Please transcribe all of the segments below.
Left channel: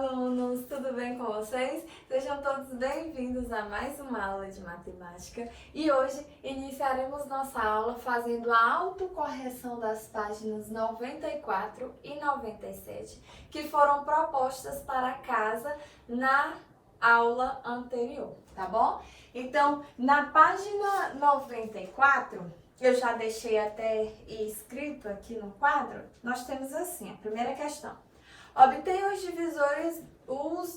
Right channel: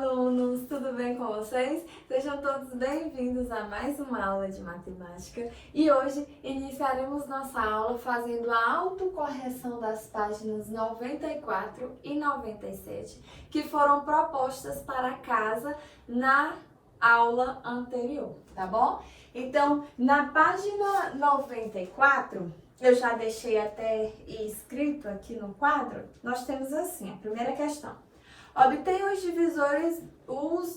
alunos! Tudo bem com vocês? Sejam todos bem-vindos a mais uma aula de matemática e hoje iniciaremos nossa aula fazendo a autocorreção das páginas 94 e 97 que foram propostas para casa na aula anterior, tá bom? Então, na página 94, eu já deixei até escrito aqui no quadro, nós temos assim, a primeira questão. Obtenha os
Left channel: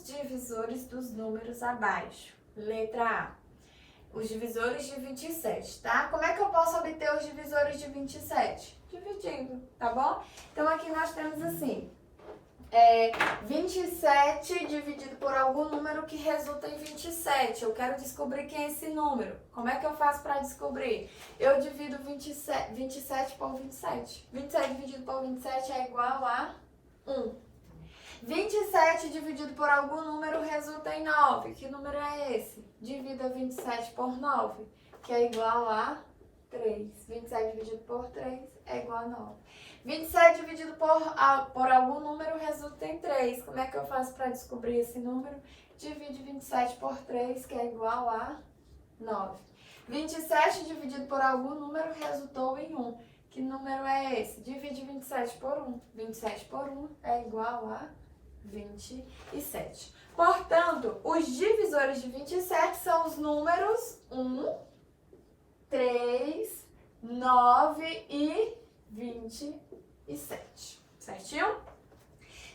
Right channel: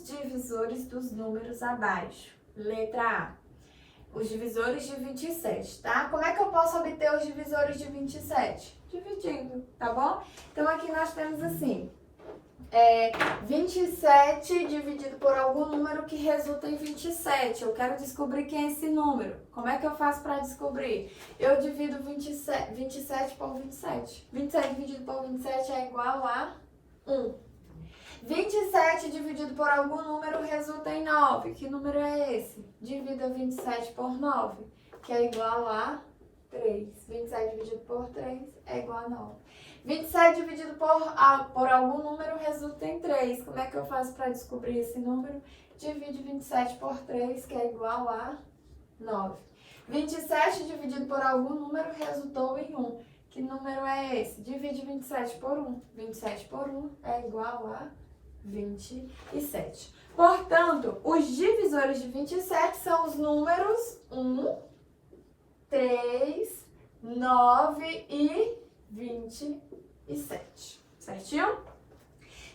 divisores dos números abaixo. Letra A. Os divisores de 27, tá? Como é que eu posso obter os divisores de 27? Dividindo, tá bom? Então, aqui nós temos assim, 27 dividido por algum número que resulta em 27. Eu quero descobrir quem é esse número. Como é que eu faço para descobrir? Eu divido 27 por 27. 27 dividido por 27 é igual a 1. 27 dividido por algum número resulta em 9. Que número é esse? Divida 27 por 9, que é igual a 3. 27 dividido por 3 é igual a 9. 27 dividido por algum número resulta em 3. Como é que eu faço para descobrir esse número? Divide 27 por 3, que é igual a 9. 27 dividido por algum número resultou em 1. Que número é esse? Divide 27 por 1. 27 por 1 é igual a 27. Portanto, os divisores de 27 são os números 1, 3, 9 e 27. Certinho?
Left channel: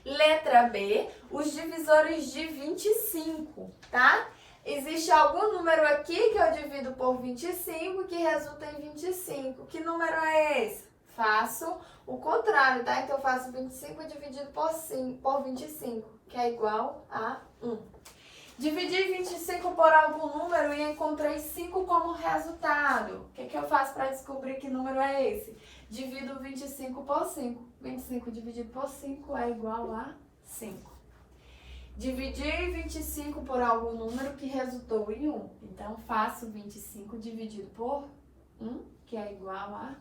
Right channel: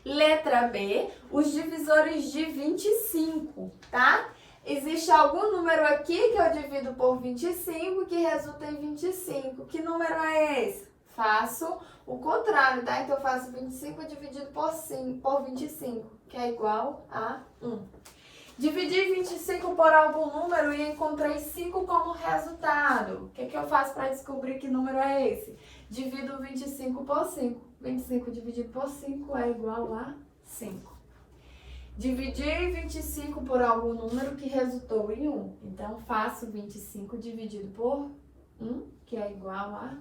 Letra B, os divisores de 25, tá? Existe algum número aqui que eu divido por 25 que resulta em 25. Que número é esse? Faço o contrário, tá? Então, eu faço 25 dividido por 25, que é igual a 1. Dividi 25 por algum número e encontrei 5 como resultado. O que eu faço para descobrir que número é esse? Divido 25 por 5. 25 dividido por 5 é igual a 5. Dividi 25 por algum número que resultou em 1. Então, faço 25 dividido por 1, que é igual a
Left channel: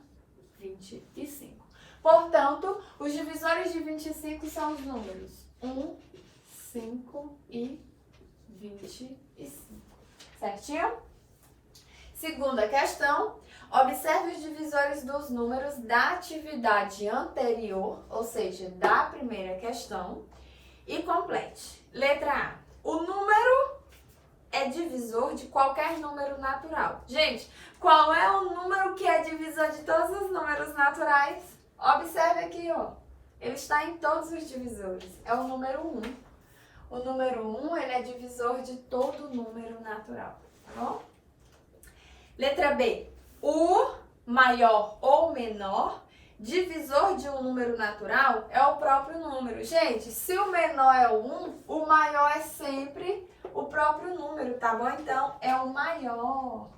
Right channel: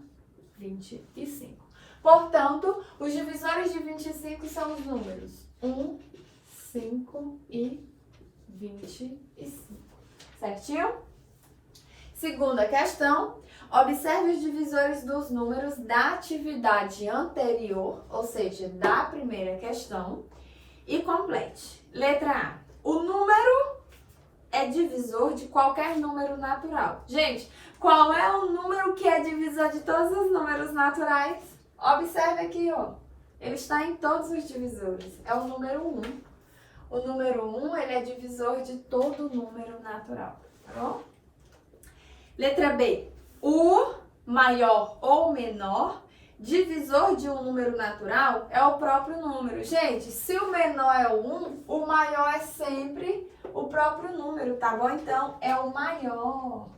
25. Portanto, os divisores de 25 são os números 1, 5 e 25. Certinho? Segunda questão. Observe os divisores dos números da atividade anterior, ou seja, da primeira questão, e complete. Letra A. O número é divisor de qualquer número natural. Gente, qual é o número que é divisor de todos os números naturais? Observe aqui, ó. Ele está em todos os divisores. É o número 1. O número 1, ele é divisor de todo número natural, tá bom? Letra B. O maior ou menor divisor de um número natural é o próprio número. Gente, se o menor é o 1, o maior é sempre o próprio número, tá bom? Então, é o maior.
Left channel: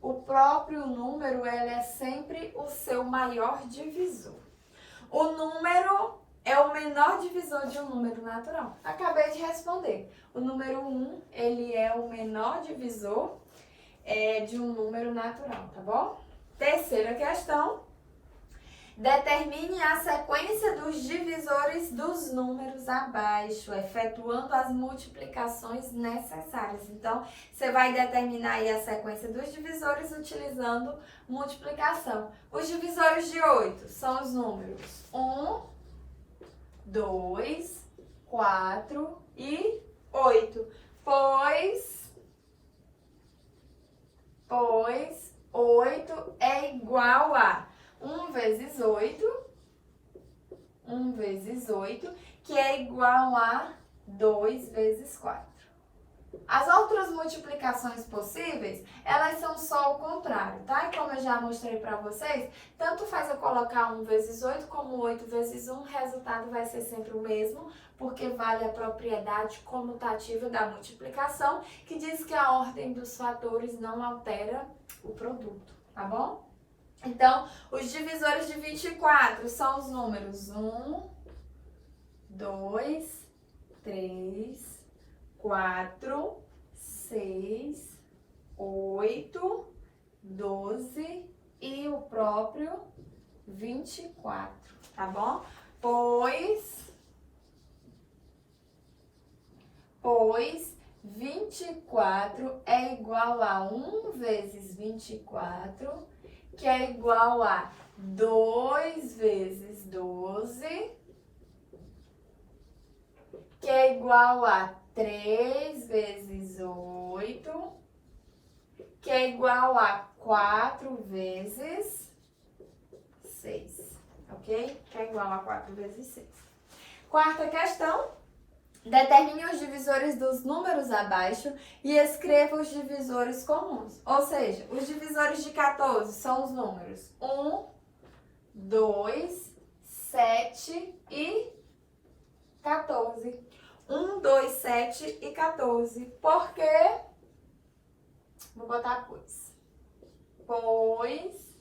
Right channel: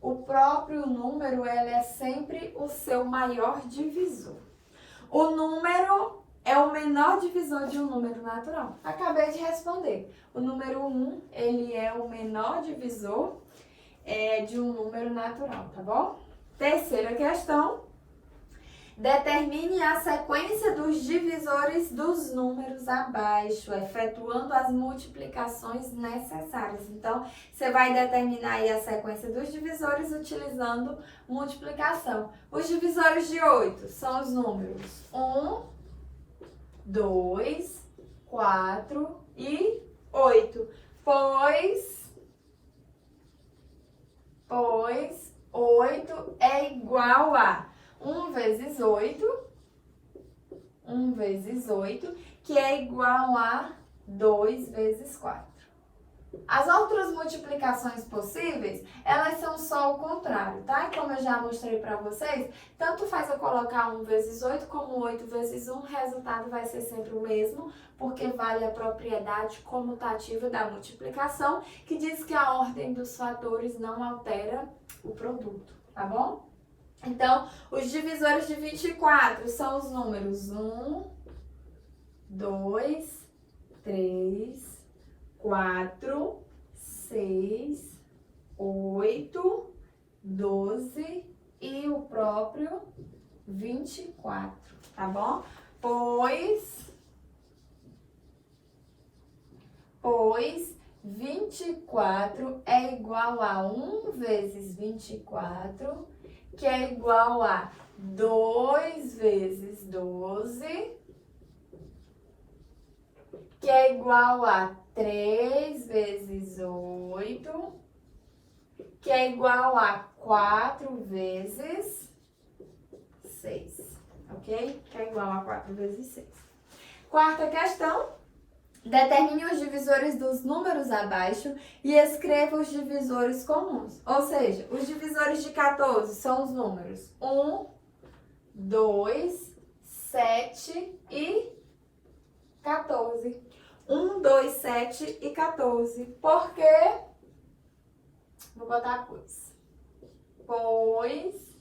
O próprio número, ele é sempre o seu maior divisor. O número é o menor divisor de um número natural. Acabei de responder. O número 1, ele é o menor divisor de um número natural, tá bom? Terceira questão. Determine a sequência dos divisores dos números abaixo, efetuando as multiplicações necessárias. Então, você vai determinar aí a sequência dos divisores utilizando multiplicação. Os divisores de 8 são os números 1, 2, 4 e 8. Pois 8 é igual a 1 vezes 8, que é igual a 2 vezes 4. As outras multiplicações possíveis, elas são só o contrário, tá? Como eu já mostrei para vocês, tanto faz eu colocar 1 vezes 8 como 8 vezes 1, o resultado vai ser sempre o mesmo, porque vale a propriedade comutativa da multiplicação, que diz que a ordem dos fatores não altera o produto, tá bom? Então, os divisores de 24 são os números 1, 2, 3, 4, 6, 8, 12 e o próprio 24, tá bom? Pois pois 24 é igual a 1 vezes 24, que é igual a 2 vezes 12, que é igual a 3 vezes 8, que é igual a 4 vezes 6, ok? Que é igual a 4 vezes 6. Quarta questão. Determine os divisores dos números abaixo e escreva os divisores comuns. Ou seja, os divisores de 14 são os números 1, 2, 7 e 14. 1, 2, 7 e 14. Por quê? Vou botar pois. Pois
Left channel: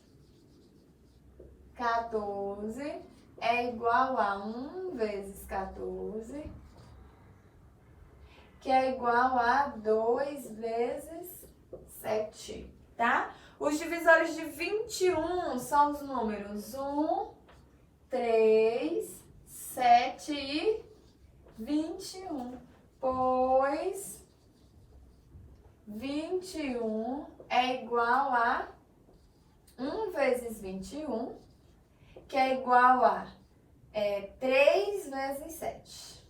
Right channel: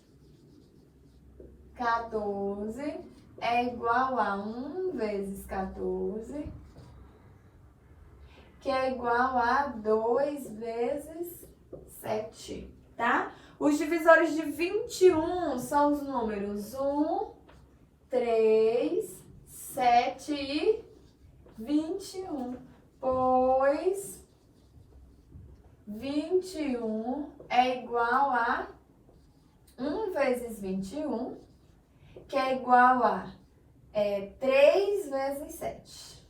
14 é igual a 1 vezes 14, que é igual a 2 vezes 7, tá? Os divisores de 21 são os números 1, 3, 7 e 21. Pois 21 é igual a 1 vezes 21, que é igual a 3 vezes 7.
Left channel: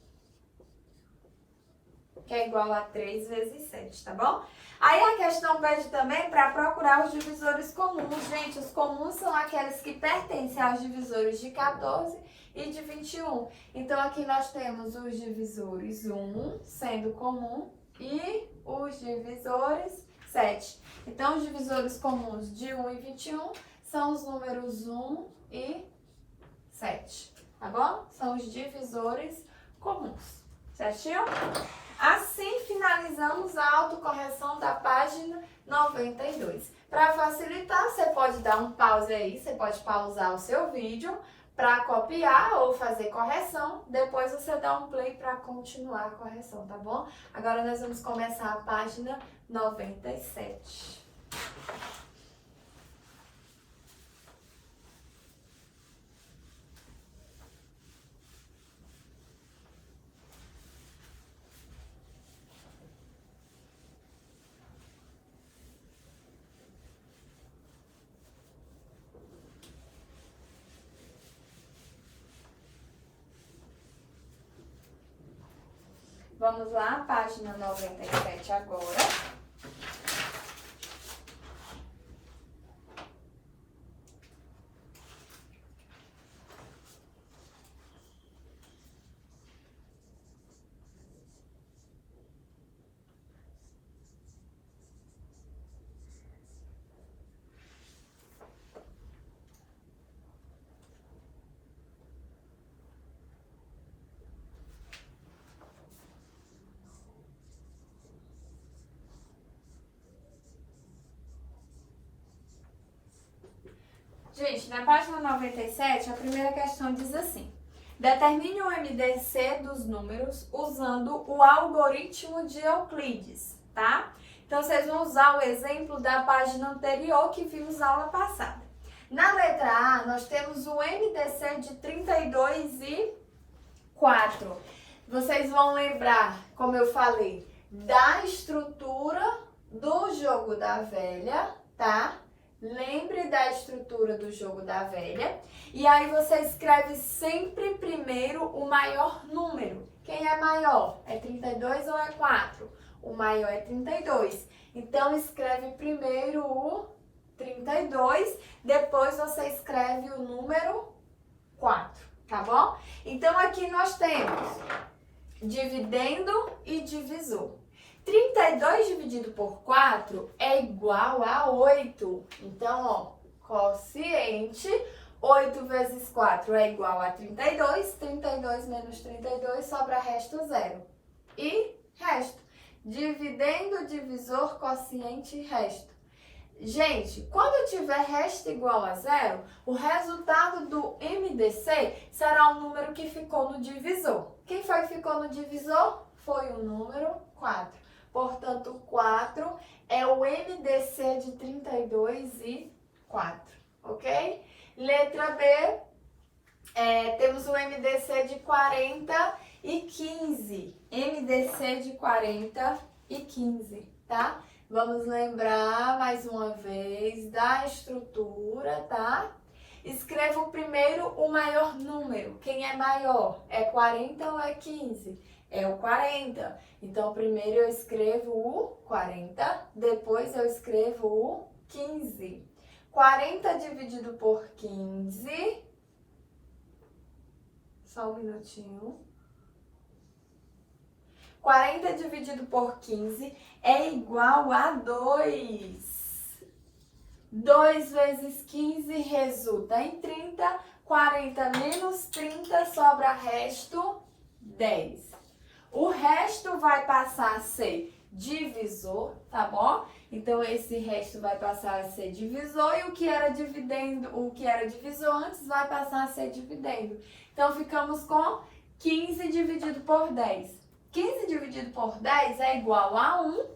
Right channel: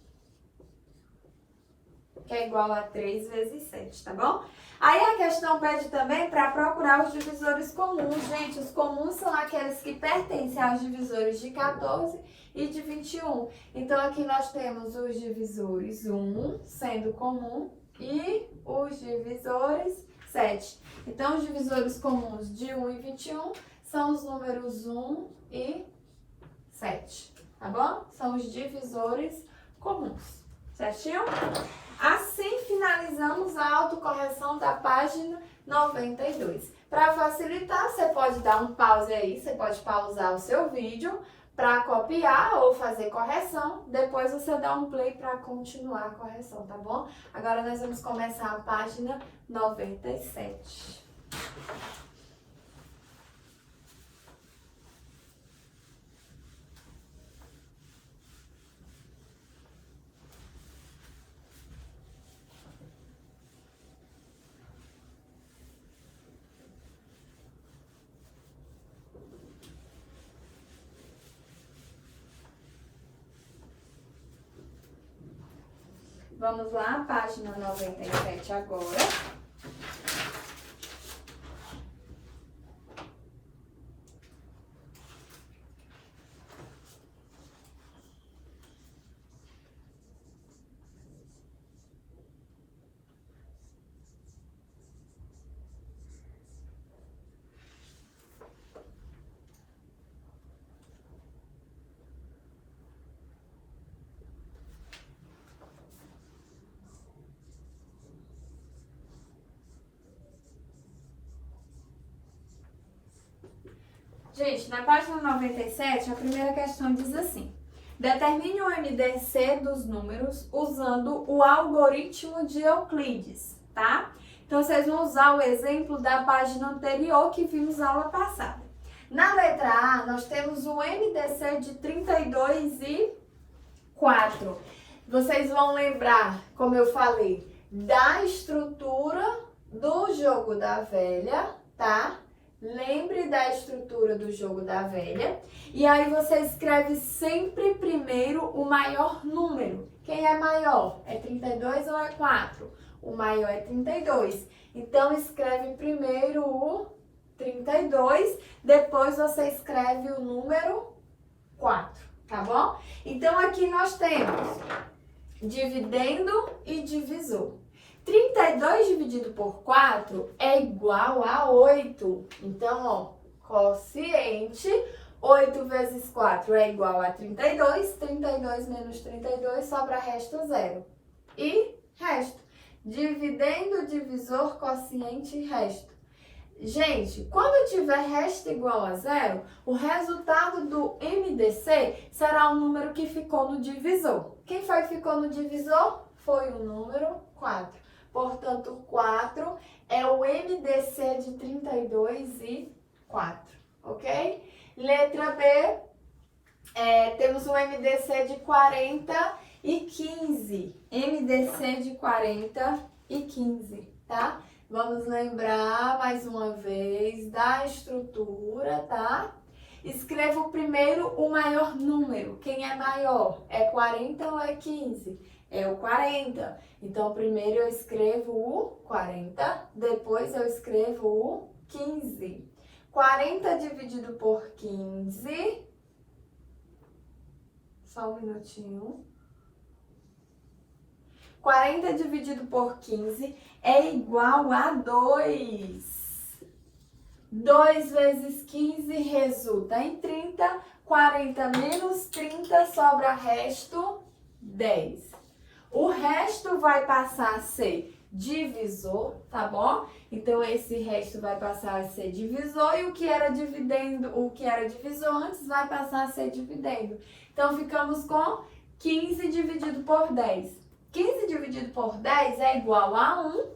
Que é igual a 3 vezes 7, tá bom? Aí a questão pede também para procurar os divisores comuns. Gente, os comuns são aqueles que pertencem aos divisores de 14 e de 21. Então, aqui nós temos os divisores 1 sendo comum e os divisores 7. Então, os divisores comuns de 1 e 21 são os números 1 e 7, tá bom? São os divisores comuns, certinho? Assim, finalizamos a autocorreção da página 92. Para facilitar, você pode dar um pause aí, você pode pausar o seu vídeo para copiar ou fazer correção. Depois você dá um play para continuar a correção, tá bom? Agora nós vamos começar a página 97. Vamos lá, página 97 agora. Gente, na página 97, a primeira questão diz assim: determine o MDC dos números usando o algoritmo de Euclides, tá? Então, vocês vão usar o exemplo da página anterior que vimos na aula passada. Na letra A, nós temos o MDC de 32 e 4. Vocês vão lembrar, como eu falei, da estrutura do jogo da velha, tá? Lembre da estrutura do jogo da velha. E aí você escreve sempre primeiro o maior número. Quem é maior? É 32 ou é 4? O maior é 32. Então, escreve primeiro o 32, depois você escreve o número 4, tá bom? Então, aqui nós temos dividendo e divisor. 32 dividido por 4 é igual a 8. Então, ó, quociente, 8 vezes 4 é igual a 32. 32 menos 32 sobra resto 0. E resto. Dividendo, divisor, quociente e resto. Gente, quando tiver resto igual a 0, o resultado do MDC será o número que ficou no divisor. Quem foi que ficou no divisor? Foi o número 4. Portanto, 4 é o MDC de 32 e 4, ok? Letra B, temos o MDC de 40 e 15. MDC de 40 e 15, tá? Vamos lembrar mais uma vez da estrutura, tá? Escreva primeiro o maior número. Quem é maior? É 40 ou é 15? É o 40. Então, primeiro eu escrevo o 40, depois eu escrevo o 15. 40 dividido por 15. Só um minutinho. 40 dividido por 15 é igual a 2. 2 vezes 15 resulta em 30. 40 menos 30 sobra resto 10. O resto vai passar a ser divisor, tá bom? Então, esse resto vai passar a ser divisor e o que era divisor antes vai passar a ser dividendo. Então, ficamos com 15 dividido por 10. 15 dividido por 10 é igual a 1.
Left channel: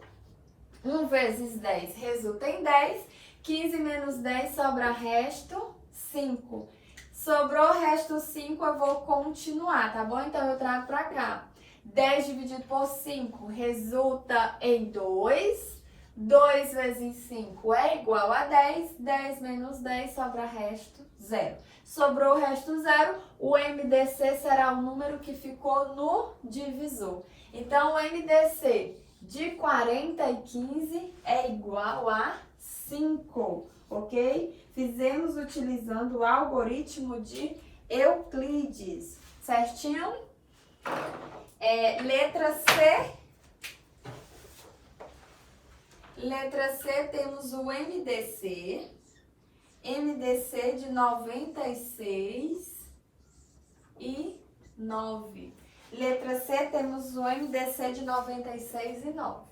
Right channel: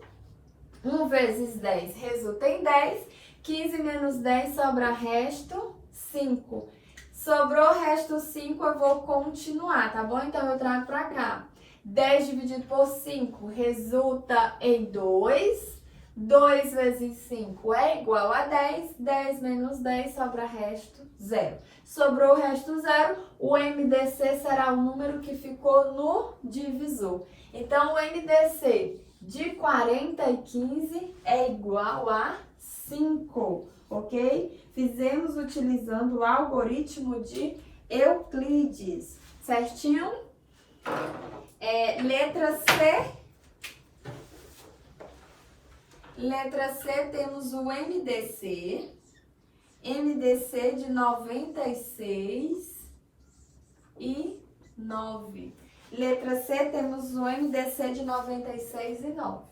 1 vezes 10 resulta em 10. 15 menos 10 sobra resto 5. Sobrou resto 5, eu vou continuar, tá bom? Então, eu trago pra cá. 10 dividido por 5 resulta em 2. 2 vezes 5 é igual a 10. 10 menos 10 sobra resto 0. Sobrou o resto 0. O MDC será o número que ficou no divisor. Então, o MDC de 40 e 15 é igual a 5, ok? Fizemos utilizando o algoritmo de Euclides, certinho? Letra C. Letra C, temos o MDC. MDC de 96 e 9. Letra C, temos o MDC de 96 e 9.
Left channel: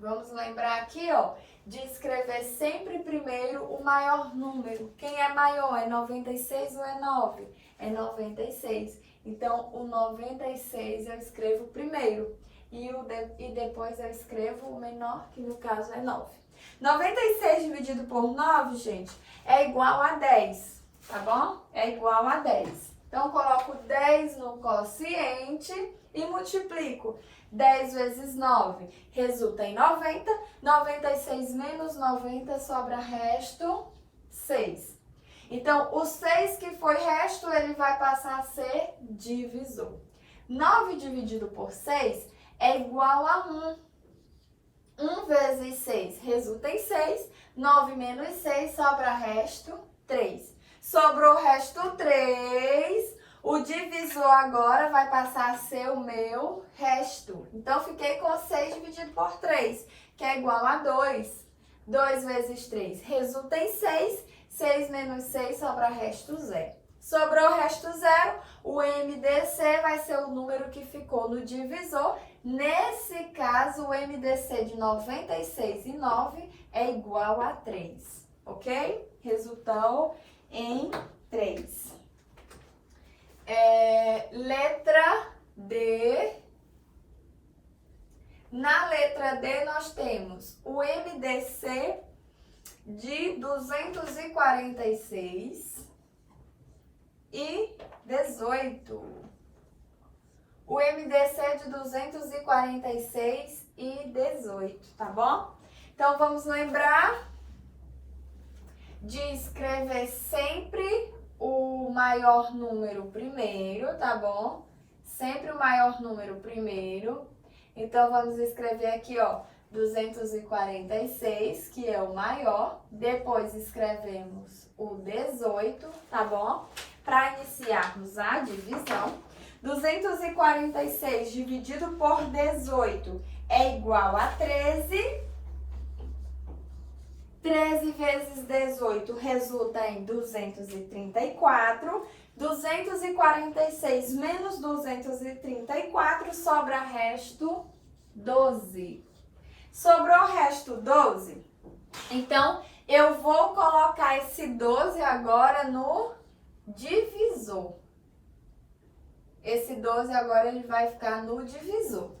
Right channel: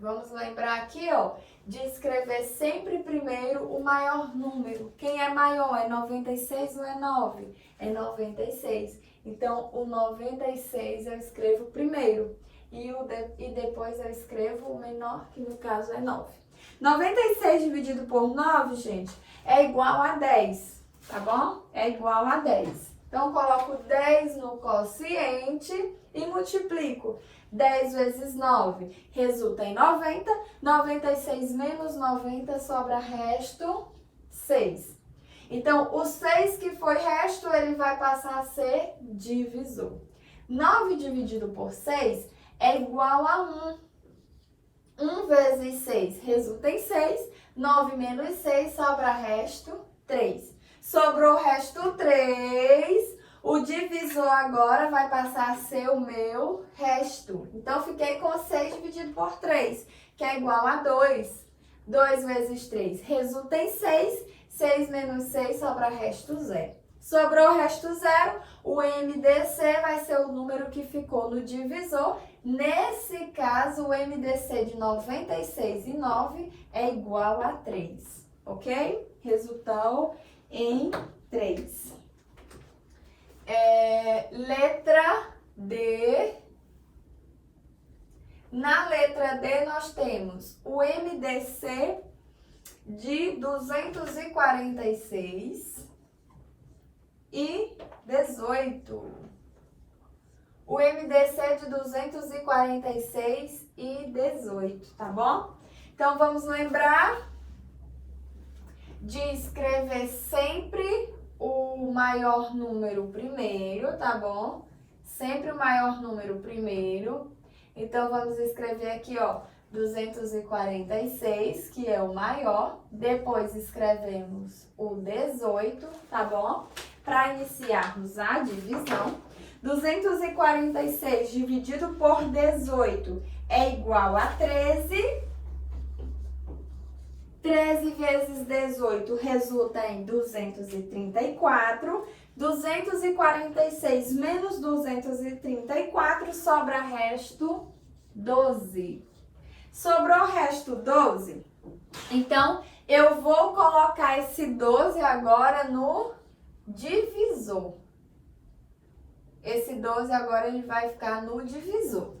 Vamos lembrar aqui, ó, de escrever sempre primeiro o maior número. Quem é maior? É 96 ou é 9? É 96. Então, o 96 eu escrevo primeiro. E depois eu escrevo o menor, que no caso é 9. 96 dividido por 9, gente, é igual a 10, tá bom? É igual a 10. Então, coloco 10 no quociente e multiplico. 10 vezes 9 resulta em 90. 96 menos 90 sobra resto 6. Então, o 6 que foi resto, ele vai passar a ser divisor. 9 dividido por 6 é igual a 1. 1 vezes 6 resulta em 6. 9 menos 6 sobra resto 3. Sobrou resto 3. O divisor agora vai passar a ser o meu resto. Então, fiquei com 6 dividido por 3, que é igual a 2. 2 vezes 3 resulta em 6. 6 menos 6 sobra resto 0. Sobrou resto 0, o MDC vai ser o número que ficou no divisor. Nesse caso, o MDC de 96 e 9 é igual a 3, ok? Resultou em 3. Letra D. Na letra D, nós temos o MDC de 246 e 18. O MDC de 246 e 18, tá bom? Então, vamos lembrar de escrever sempre o maior número primeiro, tá bom? Sempre o maior número primeiro. Então, vamos escrever aqui, ó, 246, que é o maior. Depois, escrevemos o 18, tá bom? Para iniciarmos a divisão. 246 dividido por 18 é igual a 13. 13 vezes 18 resulta em 234. 246 menos 234 sobra resto 12. Sobrou resto 12? Então, eu vou colocar esse 12 agora no divisor. Esse 12 agora ele vai ficar no divisor.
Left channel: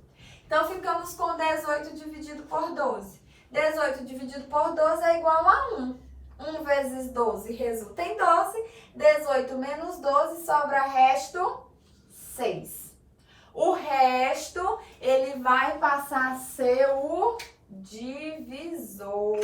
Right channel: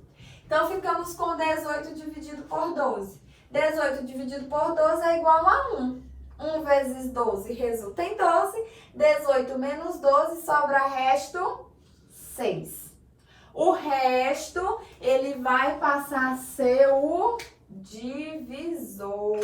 Então, ficamos com 18 dividido por 12. 18 dividido por 12 é igual a 1. 1 vezes 12 resulta em 12. 18 menos 12 sobra resto 6. O resto, ele vai passar a ser o divisor.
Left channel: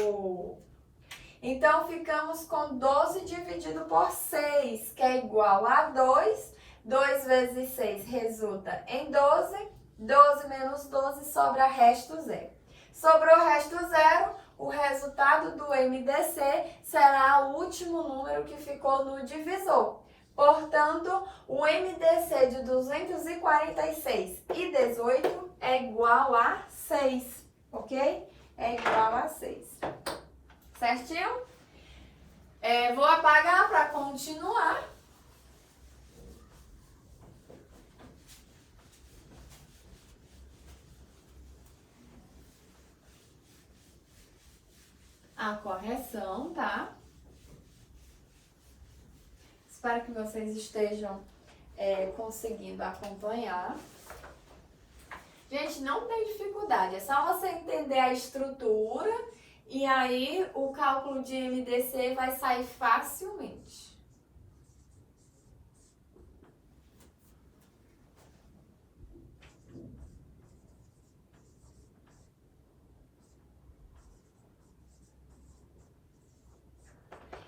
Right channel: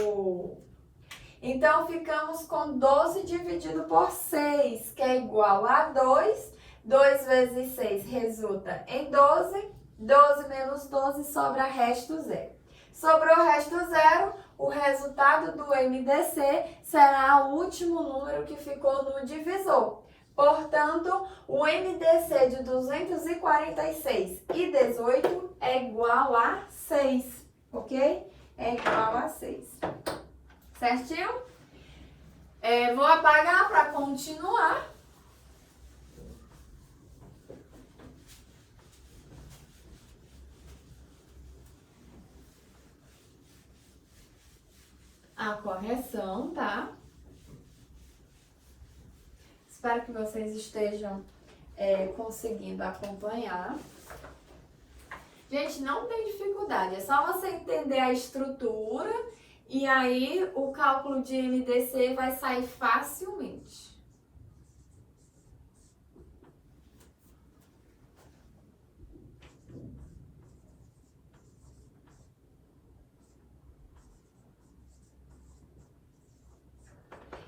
Então, ficamos com 12 dividido por 6, que é igual a 2. 2 vezes 6 resulta em 12. 12 menos 12 sobra resto zero. Sobrou resto zero, o resultado do MDC será o último número que ficou no divisor. Portanto, o MDC de 246 e 18 é igual a 6, ok? É igual a 6. Certinho? Vou apagar para continuar. A correção, tá? Espero que vocês estejam conseguindo acompanhar. Gente, não tem dificuldade, é só você entender a estrutura e aí o cálculo de MDC vai sair facilmente.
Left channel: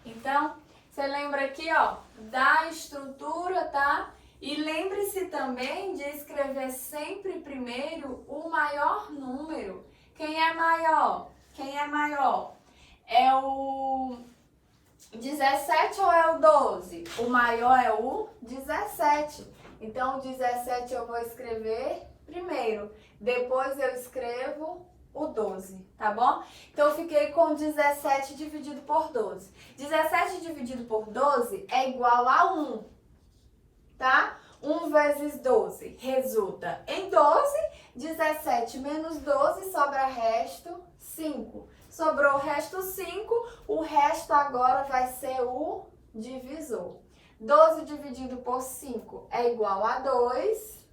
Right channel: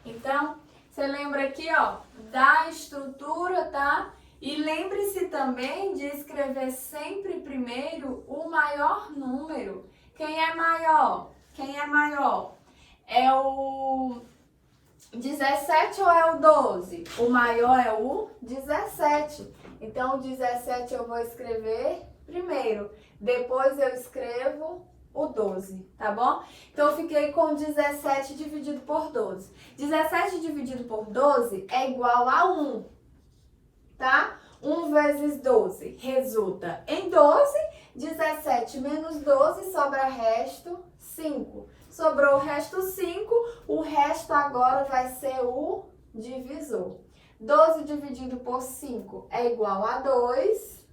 Então, você lembra aqui, ó, da estrutura, tá? E lembre-se também de escrever sempre primeiro o maior número. Quem é maior? Quem é maior? É o 17 ou é o 12? O maior é o 17. Então, o 17 eu vou escrever primeiro. Depois eu escrevo o 12, tá bom? Então, eu fiquei com 17 dividido por 12. 17 dividido por 12 é igual a 1, tá? 1 vezes 12 resulta em 12. 17 menos 12 sobra resto 5. Sobrou o resto 5, o resto agora vai ser o divisor. 12 dividido por 5 é igual a 2.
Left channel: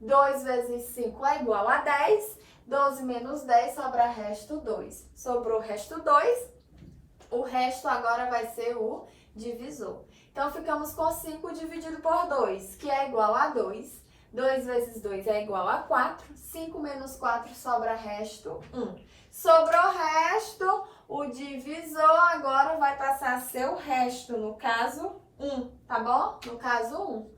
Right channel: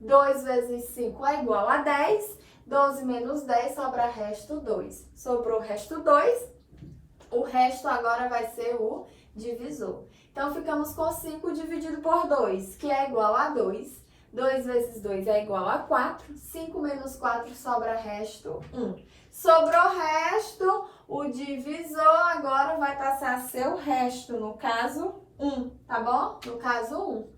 2 vezes 5 é igual a 10. 12 menos 10 sobra resto 2. Sobrou o resto 2, o resto agora vai ser o divisor. Então, ficamos com 5 dividido por 2, que é igual a 2. 2 vezes 2 é igual a 4. 5 menos 4 sobra resto 1. Sobrou resto, o divisor agora vai passar a ser o resto, no caso 1, tá bom? No caso 1.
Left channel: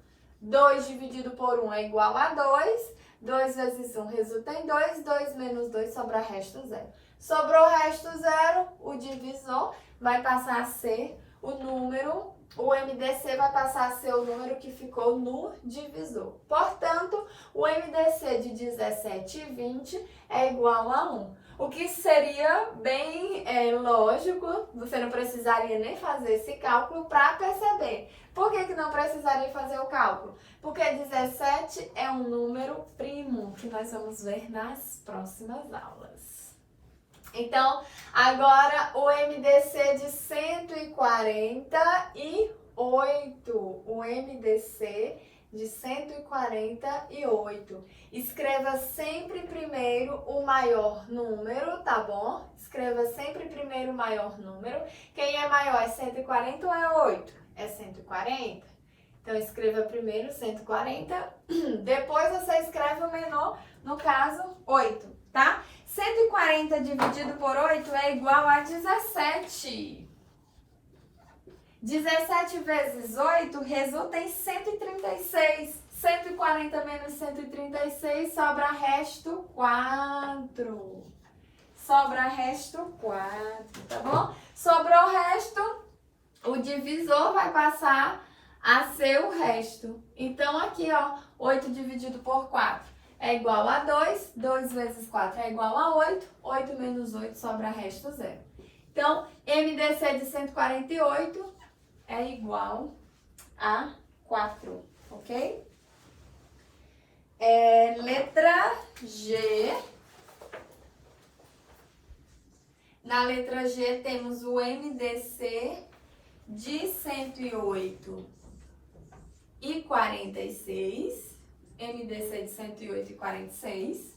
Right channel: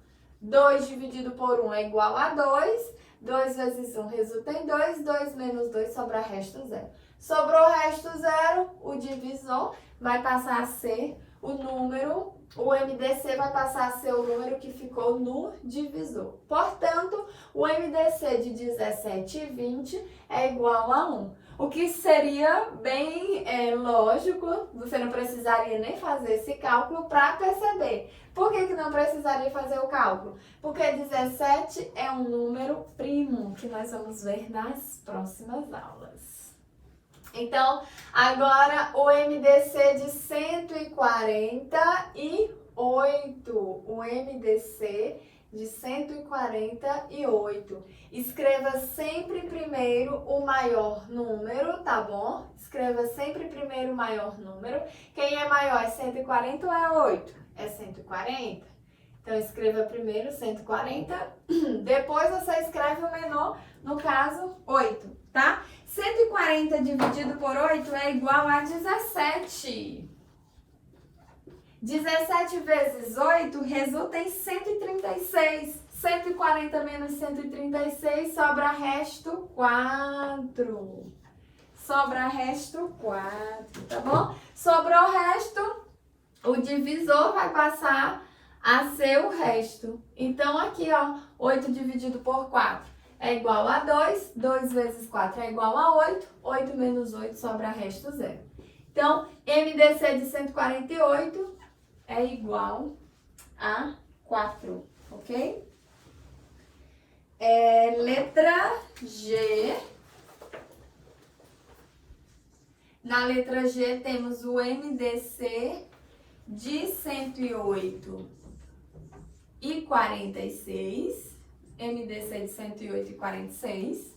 2 dividido por 1 é igual a 2. 2 vezes 1 resulta em 2. 2 menos 2 sobra resto 0. Sobrou resto 0, o divisor vai passar a ser o número, o MDC vai passar a ser o número que ficou no divisor. Portanto, o MDC de 17 e 20 é igual a 1. O que seria bem lógico, você não precisaria nem fazer esse cálculo para perceber. Por que não precisaria fazer o cálculo? Porque 17 é um número primo, que nós vamos ver nas próximas aulas. Então, agora o MDC de 148. O MDC de 148. Escreva sempre primeiro o maior número, tá bom? Escreva sempre primeiro o maior número. Quem é maior, é 140 ou é 8? É 140. Então, escreva primeiro 140. Depois você escreve o menor, no caso, 8, tá? 140 dividido por 8 é igual a 17. 17 vezes 8 resulta em 136. 140 menos 136 sobra resto 4. Sobra resto 4, tá bom? Sobrou o resto, o divisor vai passar a ser o resto. Então, aqui, ó, 8 dividido por 4 é igual a 2. 2 vezes 4 é igual a 8. 8 menos 8 sobra resto 0. Então, MDC de 148 é igual a 4, ok? Letra G. Na letra G temos o MDC de 108 e 46. MDC de 108 e 46.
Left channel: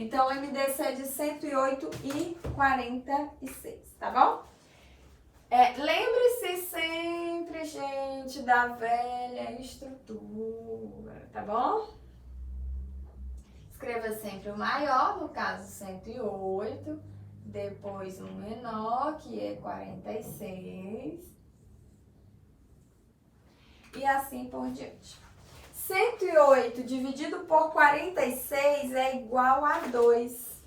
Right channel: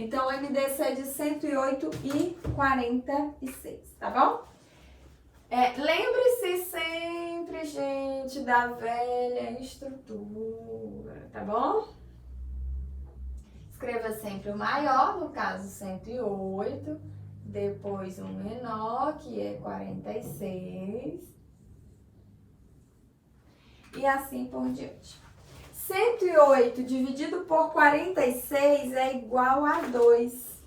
Então, o MDC é de 108,46, tá bom? Lembre-se sempre, gente, da velha estrutura, tá bom? Escreva sempre o maior, no caso 108, depois o menor, que é 46, e assim por diante. 108 dividido por 46 é igual a 2.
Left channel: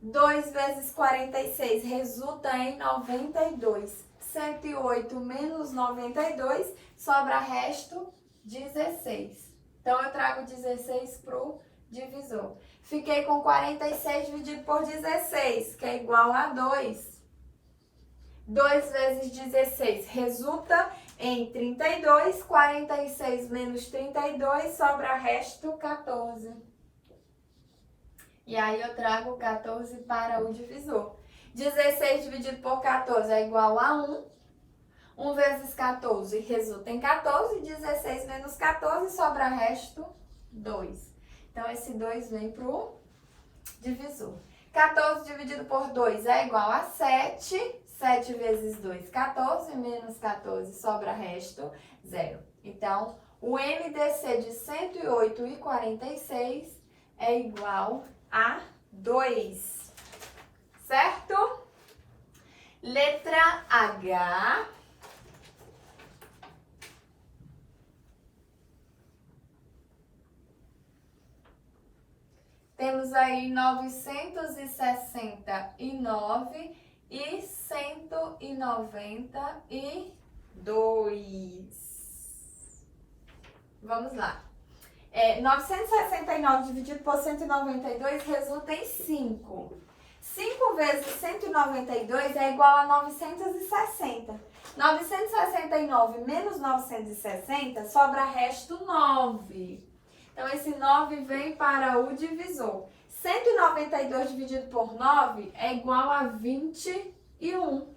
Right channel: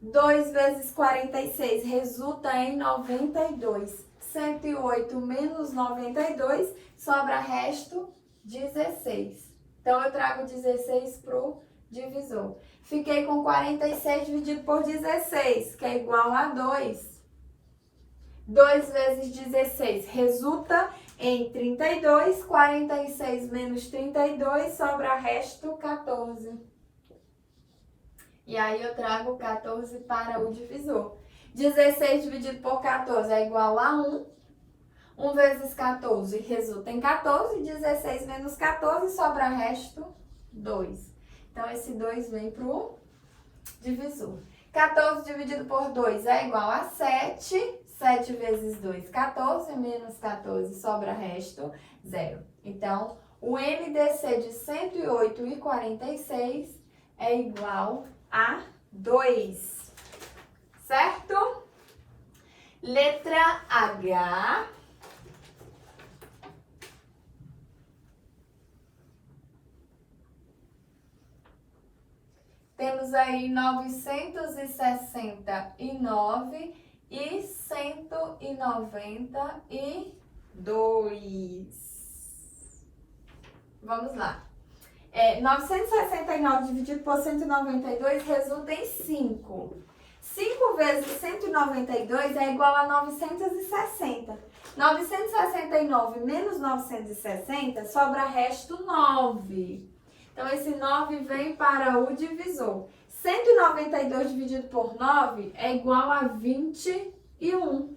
2 vezes 46 resulta em 92. 108 menos 92, sobra resto 16. Então, eu trago 16 para o divisor. Fiquei com 46 dividido por 16, que é igual a 2. 2 vezes 16 resulta em 32. 46 menos 32, sobra resto 14. E aí, eu trago 14 para o divisor. 16 dividido por 14 é igual a 1. 1 vezes 14 resulta em 14. 16 menos 14, sobra resto 2. Então, esse 2 vem para o divisor. 14 dividido por 2 é igual a 7. 7 vezes 2, 14. Menos 14, sobra resto 0. Então, o MDC de 108,46 é igual a 2. Certo? Letra H. Temos aí 969 e 192. Vamos lá. 969 dividido por 192 resulta em 5. 5 vezes 192 é igual a 960. 969 menos 960, sobra resto 9. Então, esse 9 vem para o divisor. 192 dividido por 9 é igual a 21.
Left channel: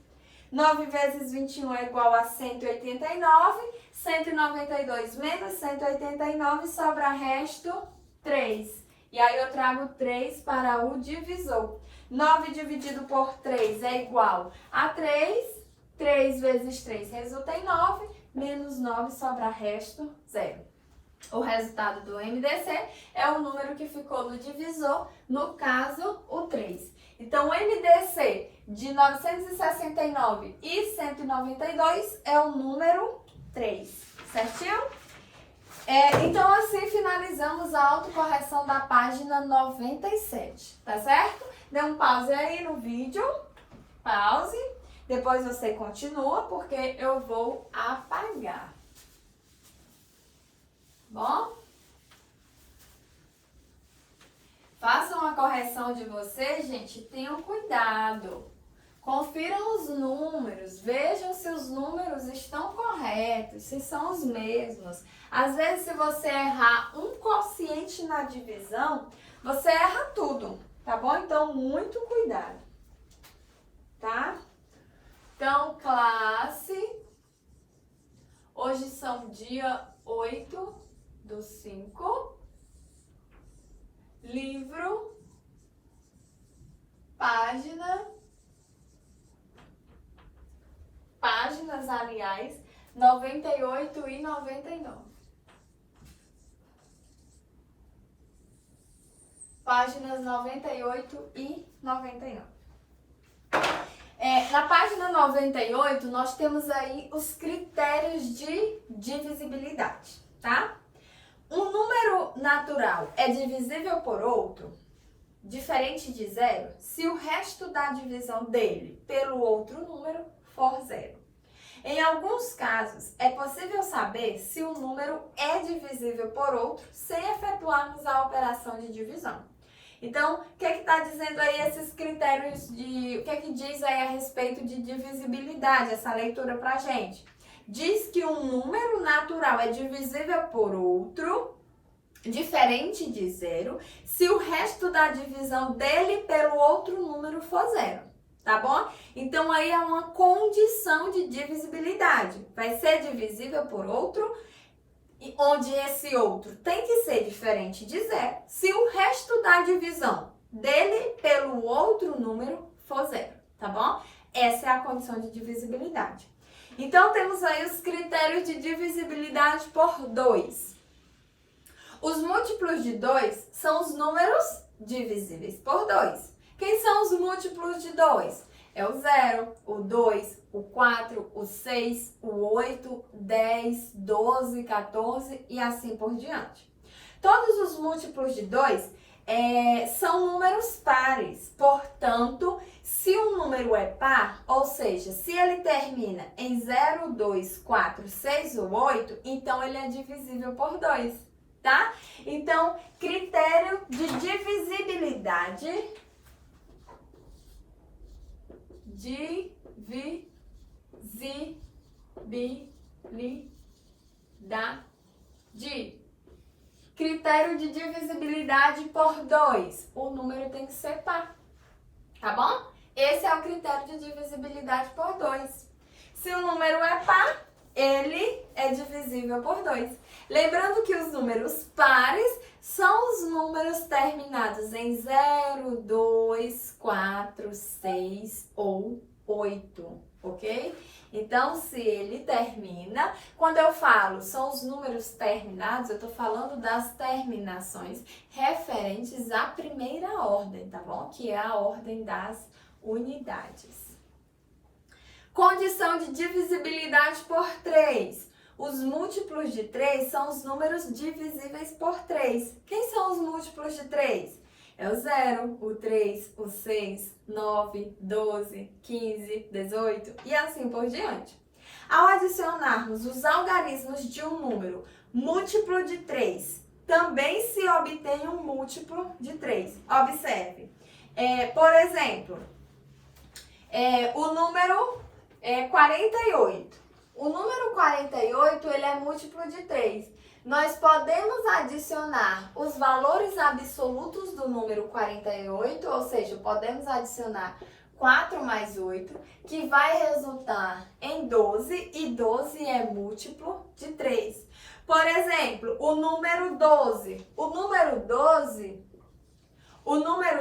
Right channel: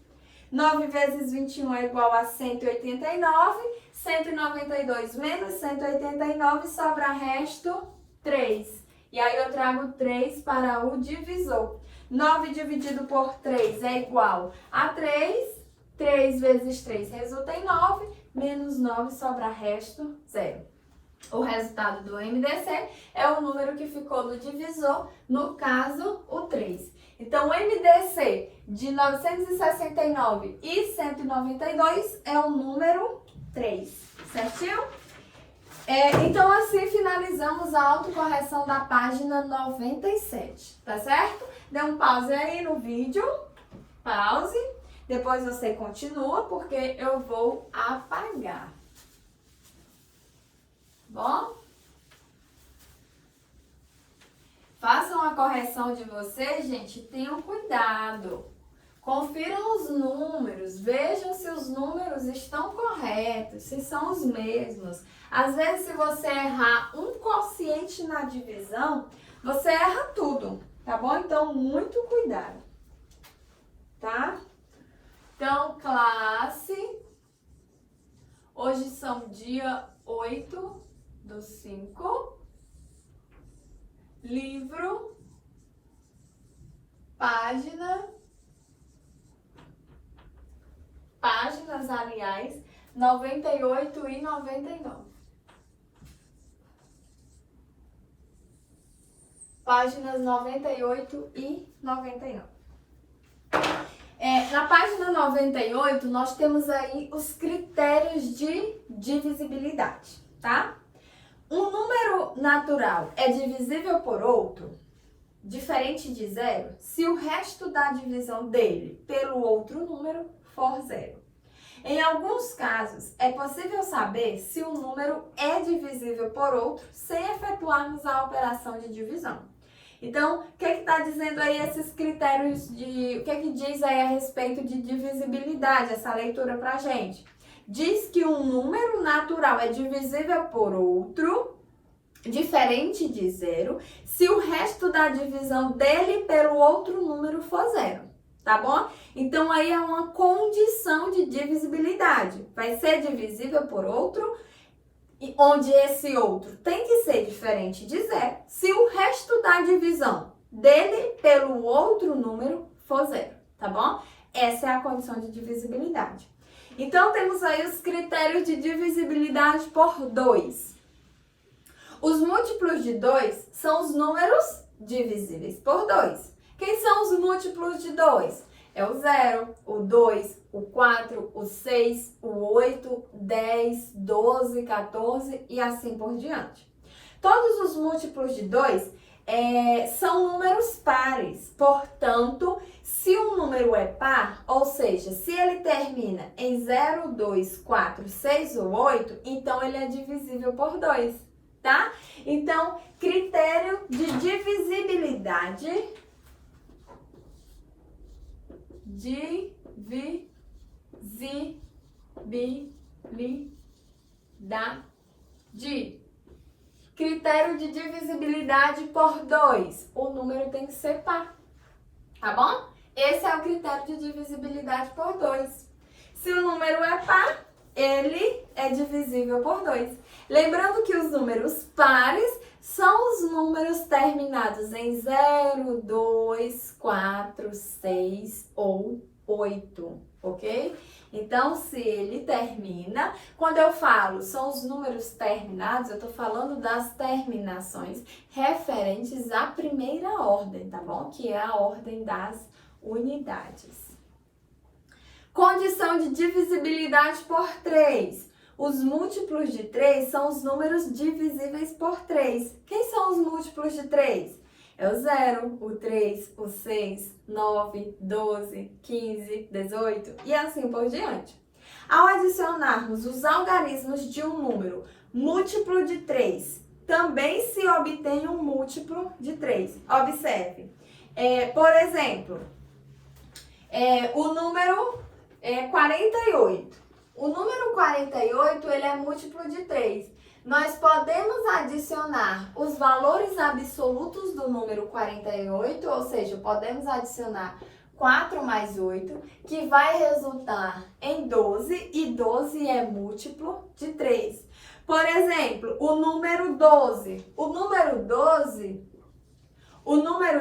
9 vezes 21 é igual a 189. 192 menos 189, sobra resto 3. E aí, eu trago 3 para o divisor. 9 dividido por 3 é igual a 3. 3 vezes 3 resulta em 9. Menos 9, sobra resto 0. O resultado do MDC é o número que ficou no divisor, no caso, o 3. Então, o MDC de 969 e 192 é o número 3, certinho? Então, assim finalizamos a autocorreção da página 97, tá certo? Dê um pause aí no vídeo, pause, depois você continua, porque eu vou apagar. Bom? Façam a correção de vocês, gente, tenham cuidado. Confiram os números, vejam se os números estão corretos, se são os mesmos. Às vezes, se você errar um quociente na divisão, você erra tudo, tá bom? Então, muito cuidado, tá? Então, classe, hoje são dia 8/5, livro, páginas, aliás, 98 e 99. Páginas 98 e 99. Na página 98, nós temos aí os critérios de divisibilidade, tá? Um número natural é divisível por outro, diferente de zero, se o resto da divisão dele pelo outro número for zero. Em alguns casos, é possível saber se um número é divisível por outro sem efetuarmos a operação de divisão. Então, o que está dizendo aí esses critérios de... O que diz aí a respeito de divisibilidade, essa leitura pra gente? Diz que um número natural é divisível por outro, diferente de zero, se o resto da divisão dele pelo outro número for zero, tá bom? Então, aí é uma condição de divisibilidade. Vai ser divisível por outro, onde esse outro tem que ser ser diferente de 0 se o resto da divisão dele pelo outro número for 0, tá bom? Essa é a condição de divisibilidade. Então, temos aí os critérios de divisibilidade por 2. Os múltiplos de 2 são os números divisíveis por 2. Quem são os múltiplos de 2? É o 0, o 2, o 4, o 6, o 8, 10, 12, 14 e assim por diante. Todos os múltiplos de 2 são números pares. Portanto, se um número é par, ou seja, se ele termina em 0, 2, 4, 6 ou 8, então ele é divisível por 2, tá? Então, critério de divisibilidade. Critério de divisibilidade por 2. O número tem que ser par, tá bom? Esse é o critério de divisibilidade por 2. Se o número é par, ele é divisível por 2. Lembrando que os números pares são os números terminados em 0, 2, 4, 6 ou 8, ok? Então, se ele termina, quando eu falo são os números terminados, eu estou falando das terminações referentes à primeira ordem, tá bom? Que é a ordem das unidades. Condição de divisibilidade por 3. Os múltiplos de 3 são os números divisíveis por 3. Quem são os múltiplos de 3? É o 0, o 3, o 6, 9, 12, 15, 18 e assim por diante. Ao adicionarmos os algarismos de um número múltiplo de 3, também se obtém um múltiplo de 3. Observe. Por exemplo, o número 48. O número 48, ele é múltiplo de 3. Nós podemos adicionar os valores absolutos do número 48, ou seja, podemos adicionar 4 mais 8, que vai resultar em 12, e 12 é múltiplo de 3. Por exemplo, o número 12. O número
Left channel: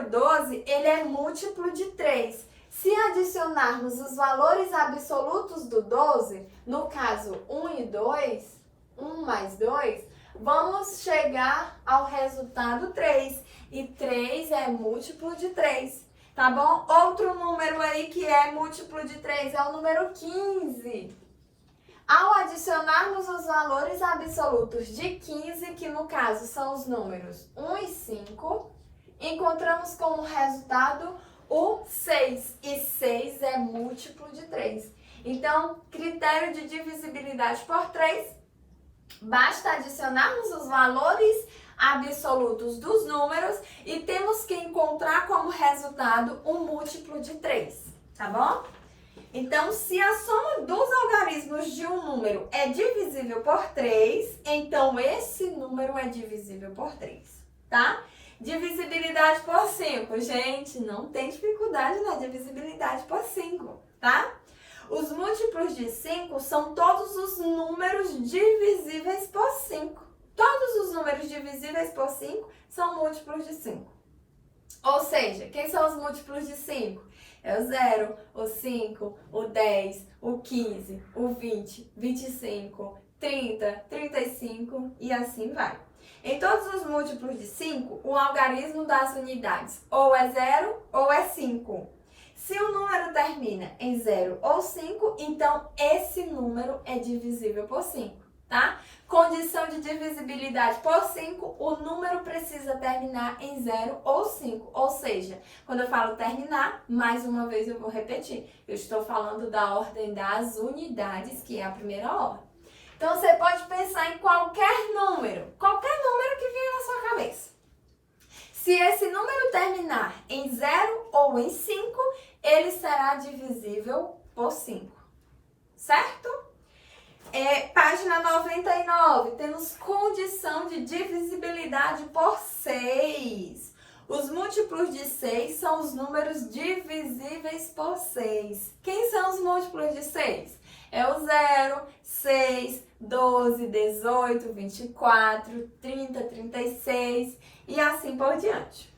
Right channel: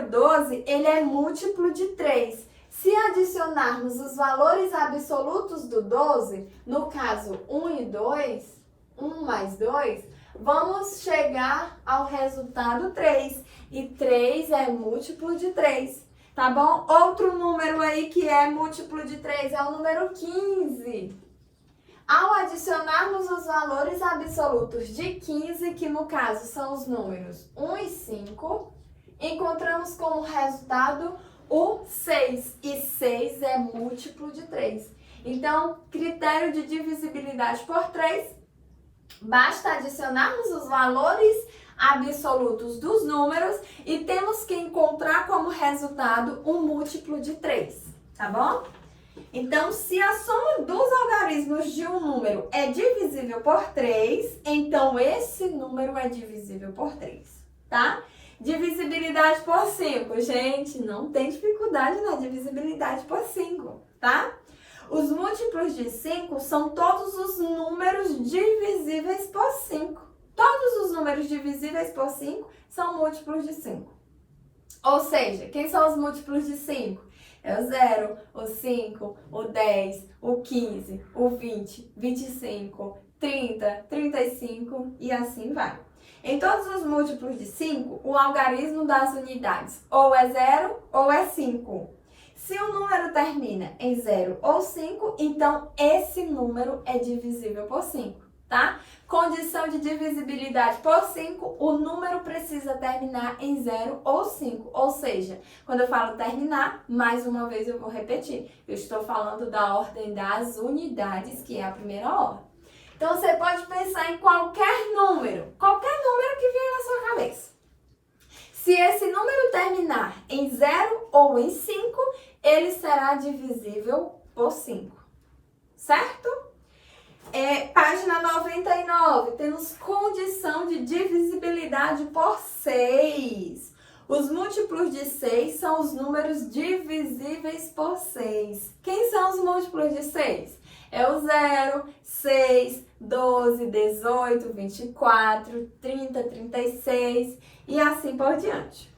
12, ele é múltiplo de 3. Se adicionarmos os valores absolutos do 12, no caso 1 e 2, 1 mais 2, vamos chegar ao resultado 3. E 3 é múltiplo de 3, tá bom? Outro número aí que é múltiplo de 3 é o número 15. Ao adicionarmos os valores absolutos de 15, que no caso são os números 1 e 5, encontramos como resultado o 6. E 6 é múltiplo de 3. Então, critério de divisibilidade por 3, basta adicionarmos os valores absolutos dos números e temos que encontrar como resultado um múltiplo de 3, tá bom? Então, se a soma dos algarismos de um número é divisível por 3, então esse número é divisível por 3, tá? Divisibilidade por 5. Gente, não tem dificuldade na divisibilidade por 5, tá? Os múltiplos de 5 são todos os números divisíveis por 5. Todos os números divisíveis por 5 são múltiplos de 5. Ou seja, quem são os múltiplos de 5? É o 0, o 5, o 10, o 15, o 20, 25, 30, 35 e assim vai. Em todos os múltiplos de 5, o algarismo das unidades ou é 0 ou é 5. Se o número termina em 0 ou 5, então esse número é divisível por 5, tá? Condição de divisibilidade por 5, o número precisa terminar em 0 ou 5. Ou seja, quando eu falo terminar, mais uma vez eu vou repetir. Eu estou falando da ordem das unidades, que é a primeira ordem. Então, você pode pensar em qualquer número que vier na sua cabeça. Se esse número terminar em 0 ou em 5, ele será divisível por 5, certo? Página 99, temos condição de divisibilidade por 6. Os múltiplos de 6 são os números divisíveis por 6. Quem são os múltiplos de 6? É o 0, 6, 12, 18, 24, 30, 36 e assim por diante.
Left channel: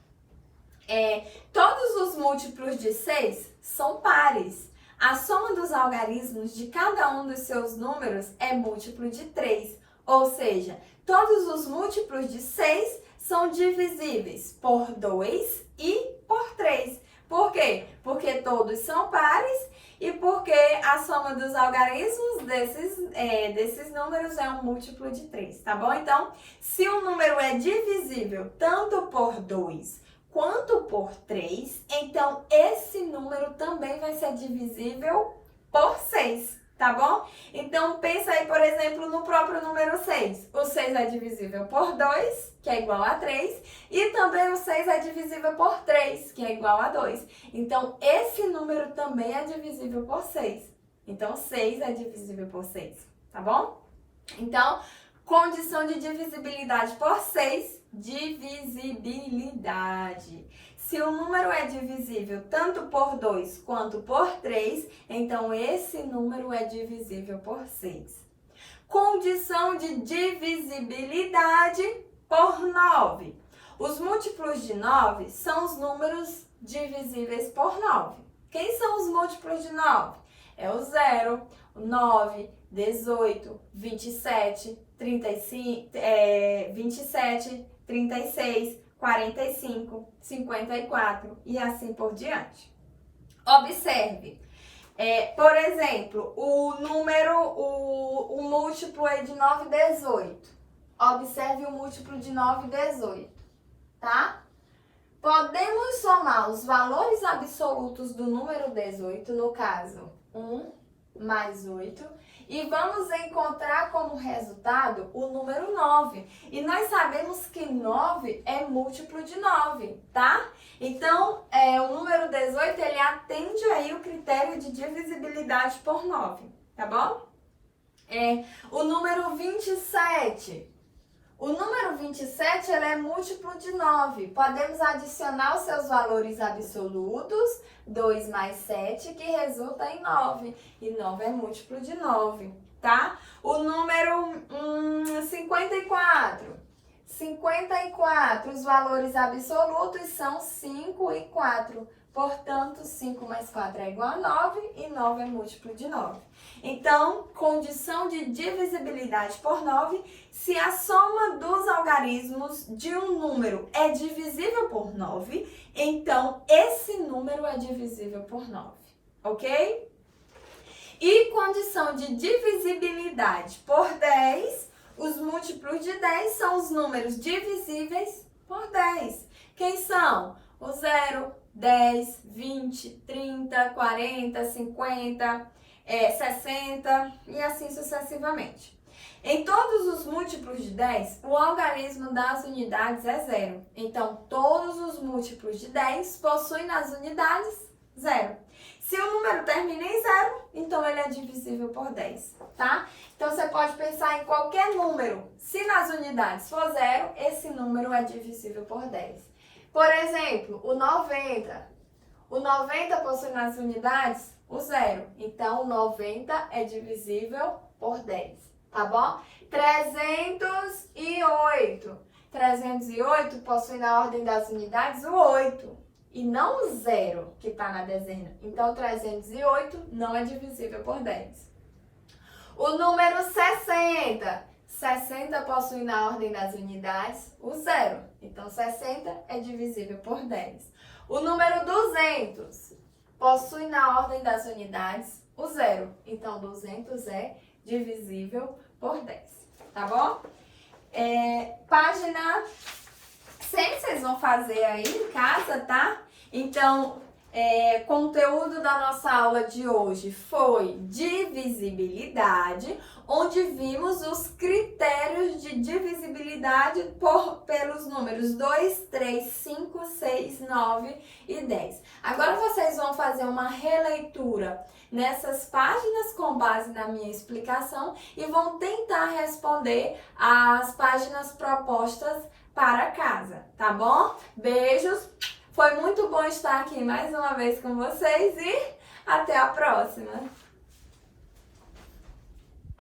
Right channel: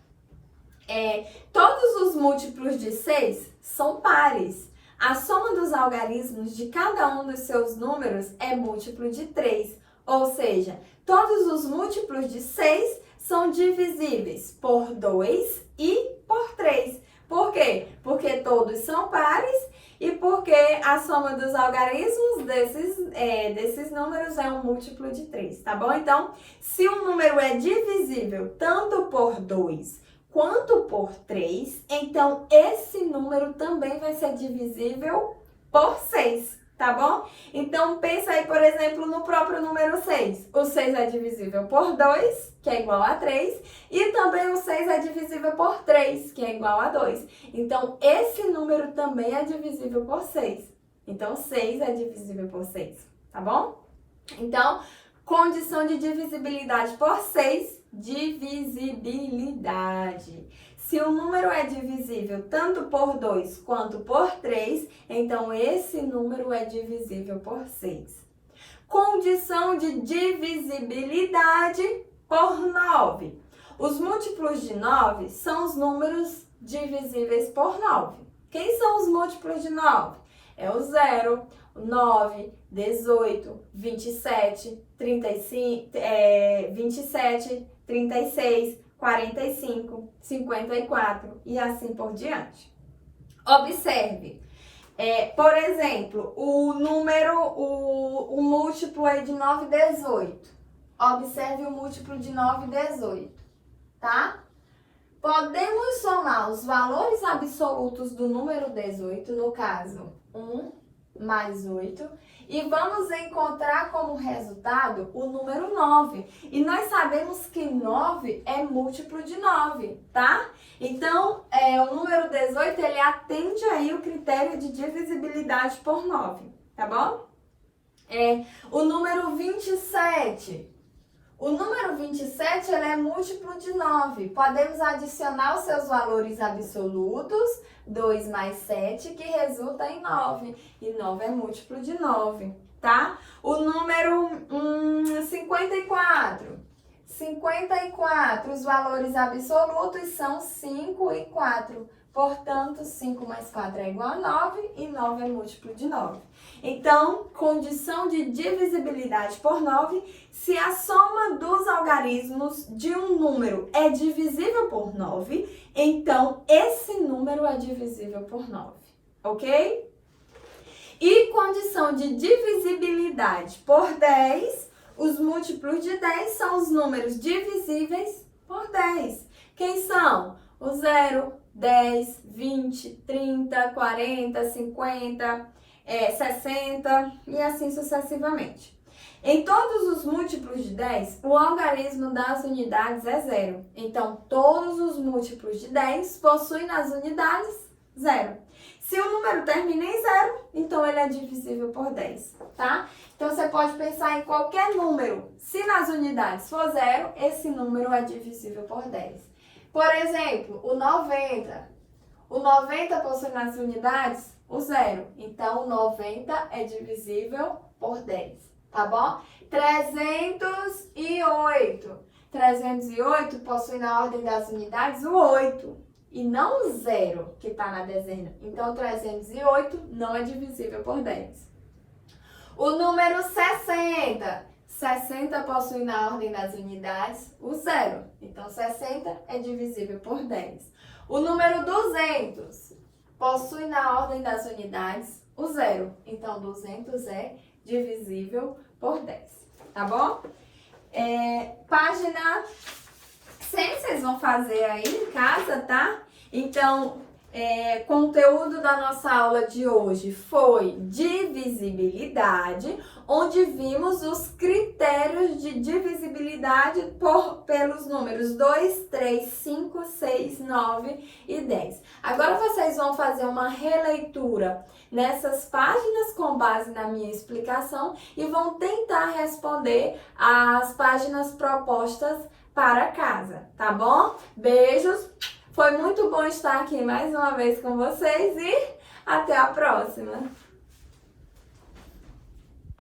Todos os múltiplos de 6 são pares. A soma dos algarismos de cada um dos seus números é múltiplo de 3. Ou seja, todos os múltiplos de 6 são divisíveis por 2 e por 3. Por quê? Porque todos são pares e porque a soma dos algarismos desses números é um múltiplo de 3, tá bom? Então, se um número é divisível tanto por 2 quanto por 3, então esse número também vai ser divisível por 6, tá bom? Então, pensa aí, por exemplo, no próprio número 6. O 6 é divisível por 2, que é igual a 3, e também o 6 é divisível por 3, que é igual a 2. Então, esse número também é divisível por 6. Então, 6 é divisível por 6, tá bom? Então, condição de divisibilidade por 6, divisibilidade. Se o número é divisível tanto por 2 quanto por 3, então esse número é divisível por 6. Condição de divisibilidade por 9. Os múltiplos de 9 são os números divisíveis por 9. Quem são os múltiplos de 9? É o 0, o 9, 18, 27, 35, 27, 36, 45, 54 e assim por diante. Observe, por exemplo, o múltiplo é de 9, 18. Observe o múltiplo de 9, 18, tá? Podemos somar os valores absolutos do número 18, no caso, 1 mais 8, e vamos encontrar como resultado o número 9. E nós sabemos que 9 é múltiplo de 9, tá? Então, o número 18, ele atende aí o critério de divisibilidade por 9, tá bom? O número 27. O número 27, ele é múltiplo de 9. Podemos adicionar os seus valores absolutos, 2 mais 7, que resulta em 9. E 9 é múltiplo de 9, tá? O número 54. 54, os valores absolutos são 5 e 4. Portanto, 5 mais 4 é igual a 9 e 9 é múltiplo de 9. Então, condição de divisibilidade por 9, se a soma dos algarismos de um número é divisível por 9, então esse número é divisível por 9, ok? E condição de divisibilidade por 10, os múltiplos de 10 são os números divisíveis por 10. Quem são? O 0, 10, 20, 30, 40, 50, 60 e assim sucessivamente. Em todos os múltiplos de 10, o algarismo das unidades é 0. Então, todos os múltiplos de 10 possuem nas unidades 0. Se o número termina em 0, então ele é divisível por 10, tá? Então, você pode pensar em qualquer número. Se nas unidades for 0, esse número é divisível por 10. Por exemplo, o 90. O 90 possui nas unidades o 0. Então, o 90 é divisível por 10, tá bom? 308. 308 possui na ordem das unidades o 8 e não o 0 que está na dezena. Então, 308 não é divisível por 10. O número 60. 60 possui na ordem das unidades o 0. Então, 60 é divisível por 10. O número 200 possui na ordem das unidades o 0. Então, 200 é divisível por 10. Tá bom? Página 100 vocês vão fazer aí em casa, tá? Então, conteúdo da nossa aula de hoje foi divisibilidade, onde vimos os critérios de divisibilidade pelos números 2, 3, 5, 6, 9 e 10. Agora vocês vão fazer uma releitura nessas páginas com base na minha explicação e vão tentar responder as páginas propostas para casa, tá bom? Beijos! Foi muito bom estar aqui mais uma vez com vocês e até a próxima!